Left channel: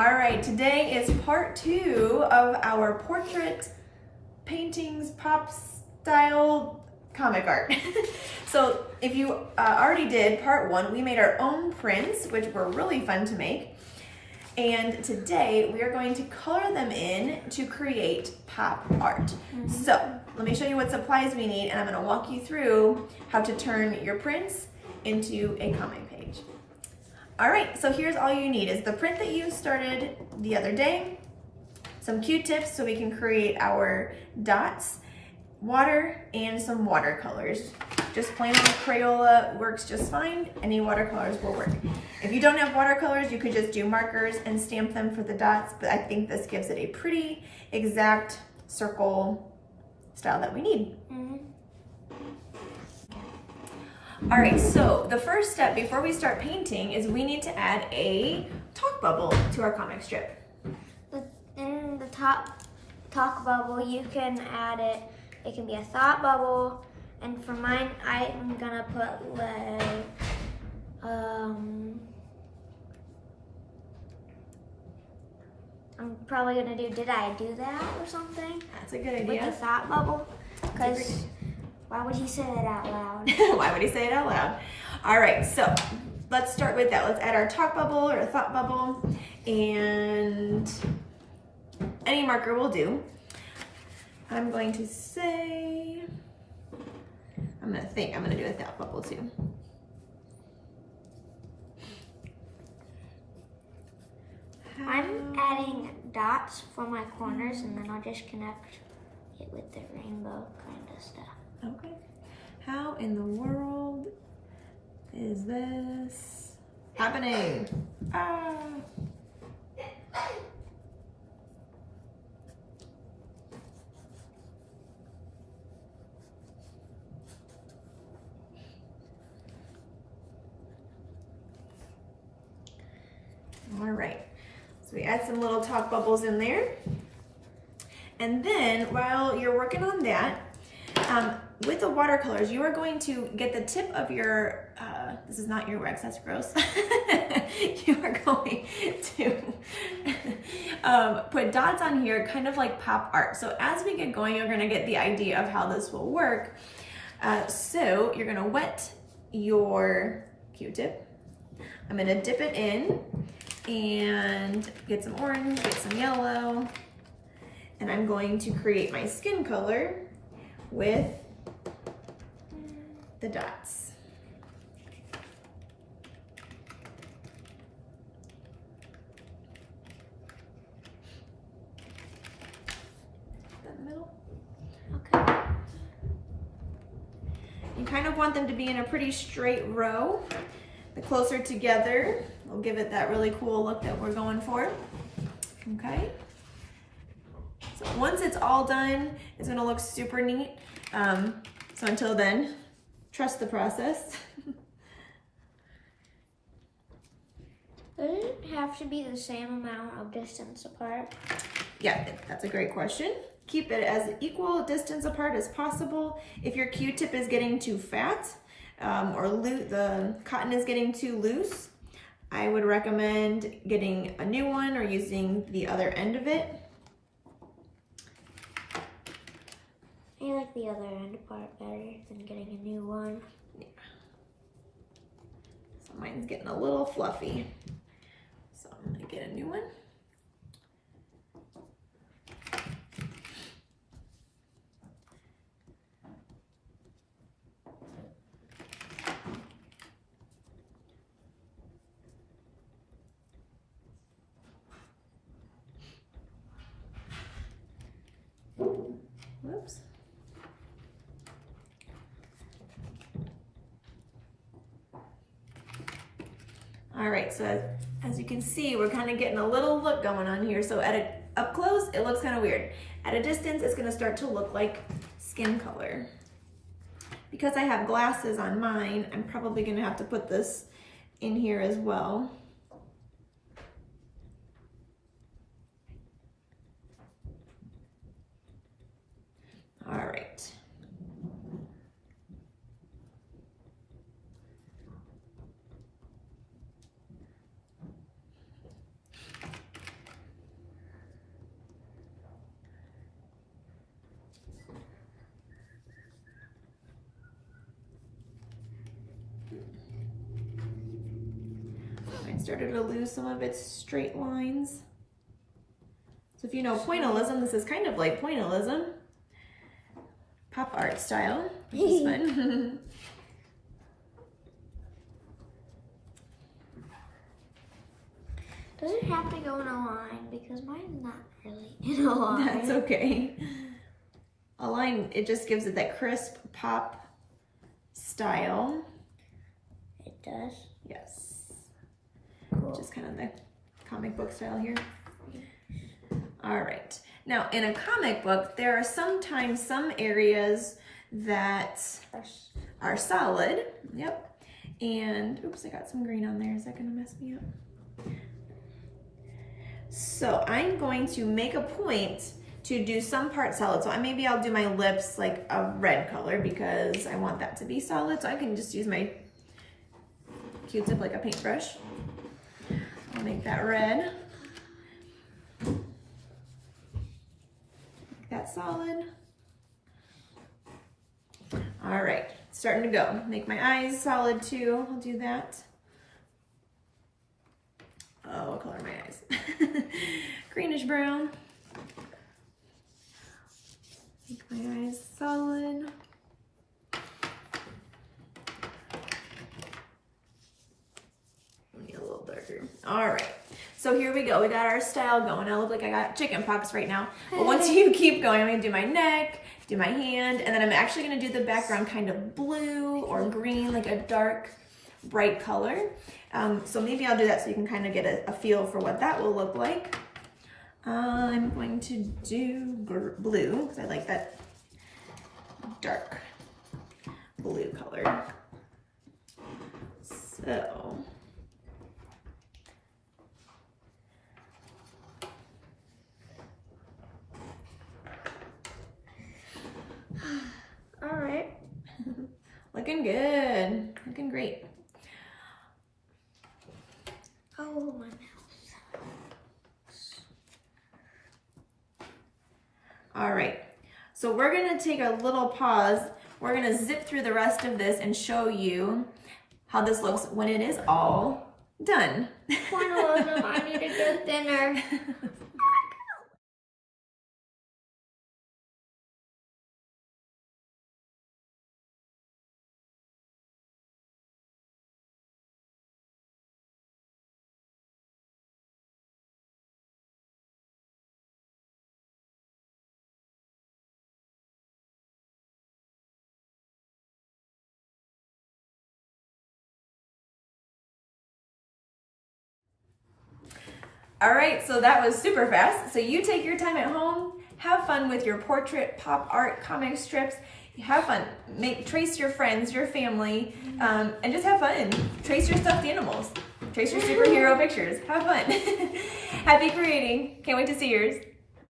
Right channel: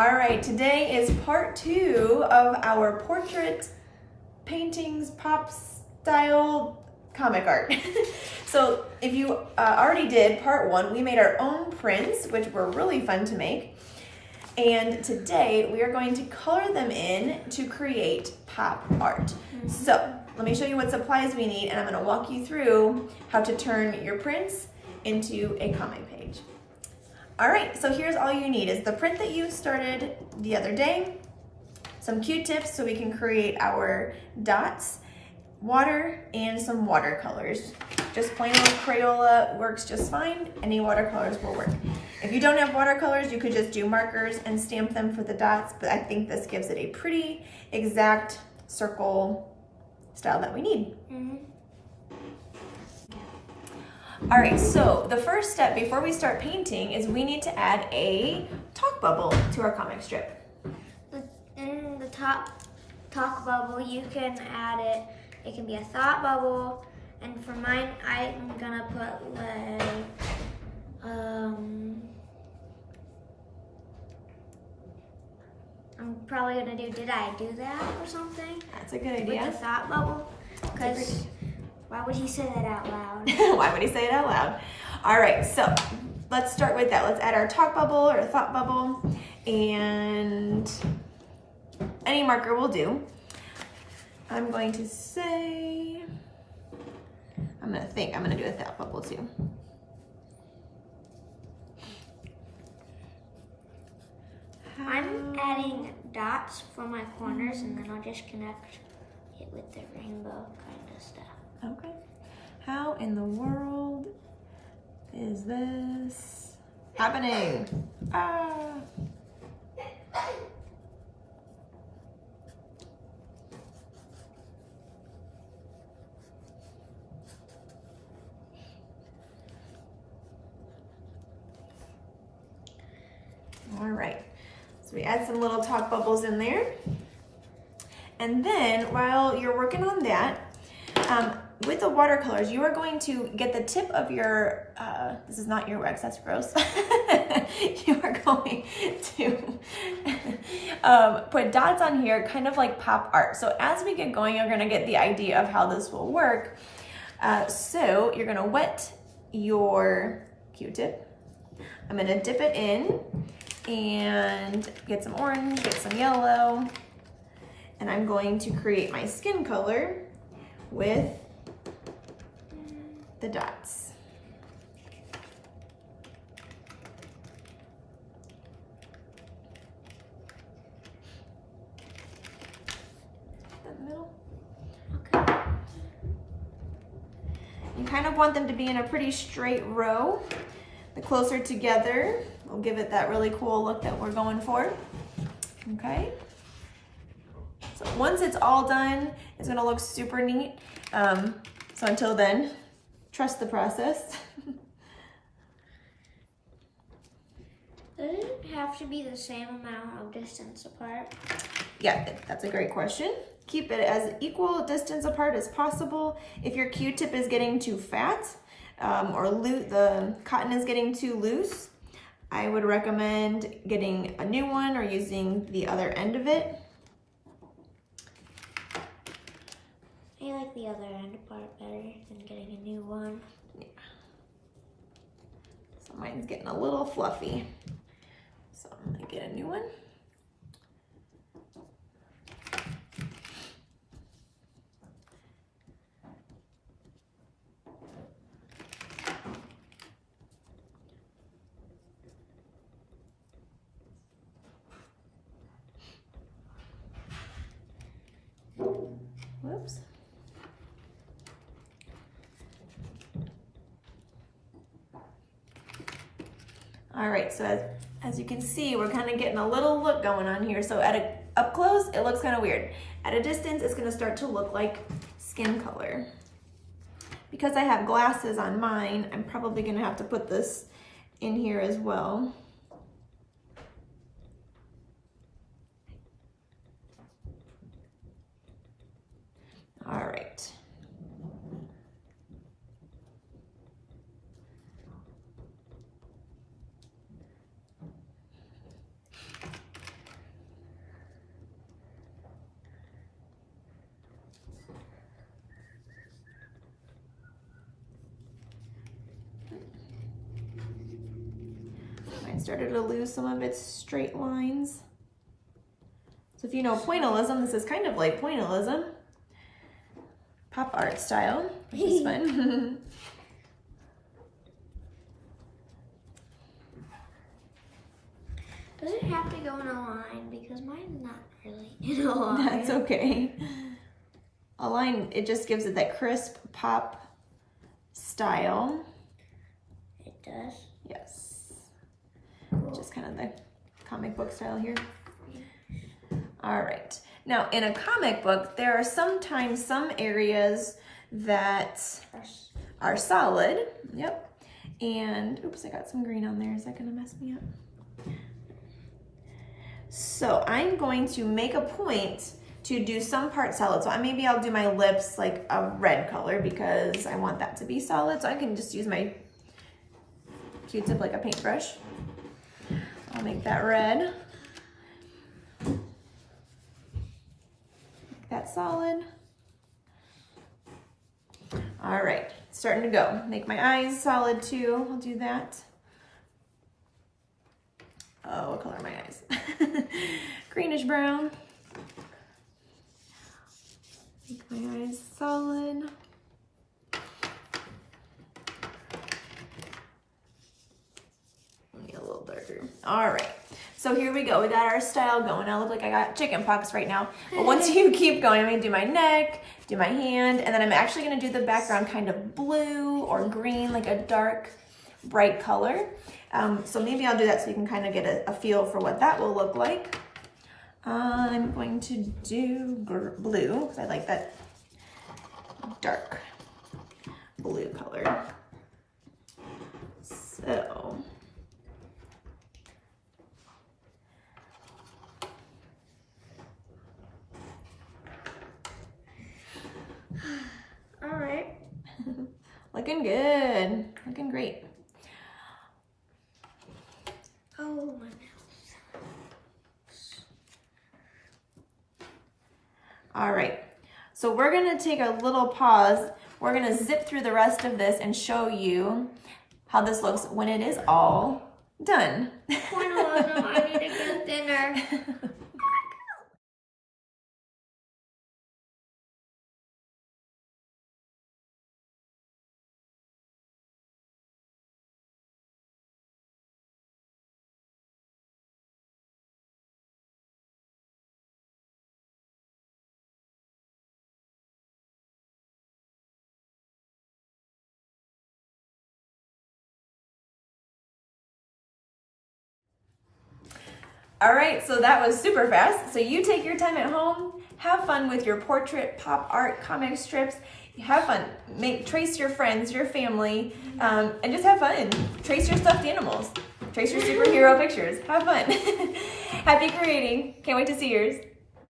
All right, today is part 2 of our portrait paintings pop style comic art. So if you already did part 1, we made our own prints, which were really fun to make. And today we are going to color them in to create pop art. So let me show you what supplies we need, and I'm gonna walk you through how to turn your prints into a comic page. All right, so here's all you need is the print that you started the other day, some Q-tips so we can create our dots, water, and some watercolors. Just plain old Crayola works just fine. Any watercolors will work. If you don't have watercolors, you could just do markers and stamp them for the dots, but I think this gives it a pretty exact circle style that we need. All right, so the first step before we start painting is we need to add a talk bubble to our comic strip. In the talk bubble, you can add it. It can be a thought bubble, and for mine, I'm gonna put like I'm probably gonna do. Did I do that or something? That's a good idea. With the thought bubble, because. Why would he say that out loud? Why would he say it out loud? All right, so let's start with that. Let's add our talk bubble or thought bubble, and any marker will do. I'm going to say, I'm gonna do a thought bubble too. I'm adding dots for my corners, and then I'll just connect it with the rainbow kind of stuff. Okay. How in the world is this happening? Ah. All right. So we add some little talk bubbles in there. And then while you're working on that, with the watercolors, you are going to get the tip of your, this is not earwax, that's gross. You are going to put dots on here, kind of like pop art. So as we get going, you're gonna get the idea of how this will work. So you're gonna wet your Q-tip. I'm gonna dip it in and get some orange, get some yellow, and I'm going to create my skin color with the dots. The middle. Okay. You kind of want them to be in a pretty straight row. The closer together, we'll give it that really cool look that we're going for. Okay. So once it's all done, it's gonna look super neat. So until then, trust the process. Does it have to be the same amount of distance apart? Yeah, that's a great question. Keep it as equal distance apart as possible. If your Q-tip is getting too fat or the cotton is getting too loose, I would recommend getting a new one or using the other end of it. I like the other end part better than getting a new one. Yeah. So mine's getting a little fluffy. So I'm gonna get a new one. Whoops. All right, so as you can see, we're kind of getting a little look going on here. So up close, it looks kind of weird. At a distance, it's gonna start to look like skin color. Because I have glasses on mine, I'm probably gonna have to put this in here as well. All right. started to lose some of its straight lines. So if you know pointillism, this is kind of like pointillism. Pop art style, which is fun. Does it have to go in a line? Because mine's not really in a line. That's okay. A line, it just gives it that crisp pop style. It does? Yes. Cool. Just kind of the comic book style here. All right. Now, in a comic book, there are sometimes some areas that are solid. Yep. And, oops, I got some green on there. Is that going to mess me up? So I'm going to make a point to do some part solid. So maybe I'll do my lips like a red color because I want that to be solid. So I can just use my Q-tip like a paintbrush. I'll make that red. That's solid. All right, starting to go. Make my eyes solid too. I'll do that. Oh, what color are my eyes? Greenish brown. Make my eyes solid. Maybe a little darker. All right. So here we go. We got our style going. I look like I got chicken pox right now. But once you keep going, I'm going to do my neck, do my hand, and then I'm actually going to do the background kind of blue or green, like a dark, bright color. So maybe I'll do that so you can kind of get a feel for what that will look like. I'm going to do blue because I like that dark blue color. So... All right. Looking good. Looking great. Oh, my mouse. All right. So we're going to take a little pause. We're going to zip through the rest of this and show you how this looks when it is all done. Pointillism, I need to go thinner. All right, so that was super fast. So you take your time at home, have fun with your portrait, pop art, comic strips. Have fun. Trace your friends, your family, and just have fun. Trace your stuffed animals. Trace your superhero pictures. Have fun. Happy creating. Can't wait to see yours.